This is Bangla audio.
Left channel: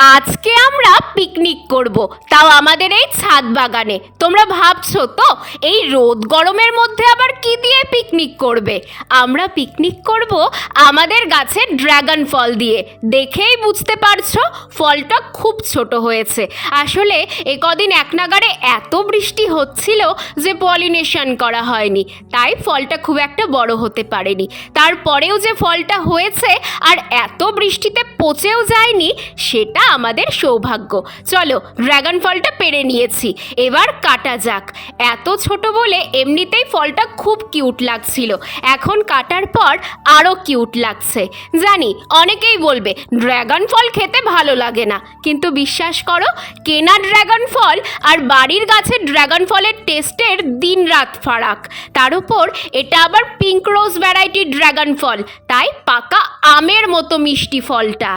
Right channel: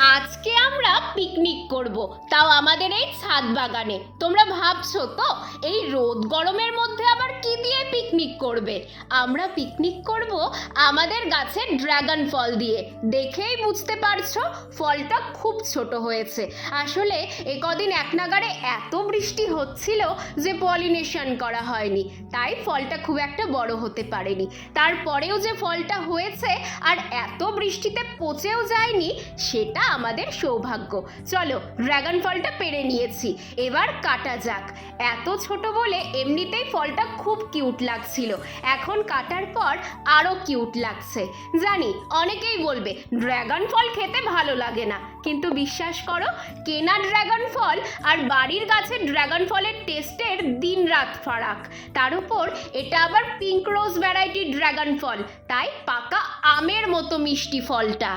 আজকে আমরা পিকনিক করব, তাও আমাদের এই ছাদ বাগানে। তোমরা ভাবছো তো এই রোদ গরমের মধ্যে আবার কি দিয়ে পিকনিক করবে? আমরা পিকনিক করব আমাদের গাছের ড্রাগন ফল দিয়ে। দেখেই বুঝতে পারছো ফলটা খুব ছোট হয়েছে। আসলে এ কদিন এক নাগাড়ে এত বৃষ্টি হচ্ছিল যে পলিনেশন করা হয়নি, তাই ফলটা খুব একটা বড় হতে পারেনি। তারপরেও যে ফলটা হয়েছে আর এত বৃষ্টিতে পচেও যায়নি, সেটা আমাদের সৌভাগ্য। চলো, ড্রাগন ফলটা পেড়ে নিয়েছি, এবার কাটা যাক। এত ছোট বলে এমনিতেই ফলটা খুব কিউট লাগছিল, এখন কাটার পর আরও কিউট লাগছে। জানি অনেকেই বলবে ড্রাগন ফল খেতে ভালো লাগে না, কিন্তু বিশ্বাস করো, কেনা ড্রাগন ফল আর বাড়ির গাছের ড্রাগন ফলের টেস্টের দিন রাত ফারাক। তার উপর এটা আবার পিঙ্ক রোজ ভ্যারাইটির ড্রাগন ফল, তাই পাকা আমের মতো মিষ্টি ফলটা।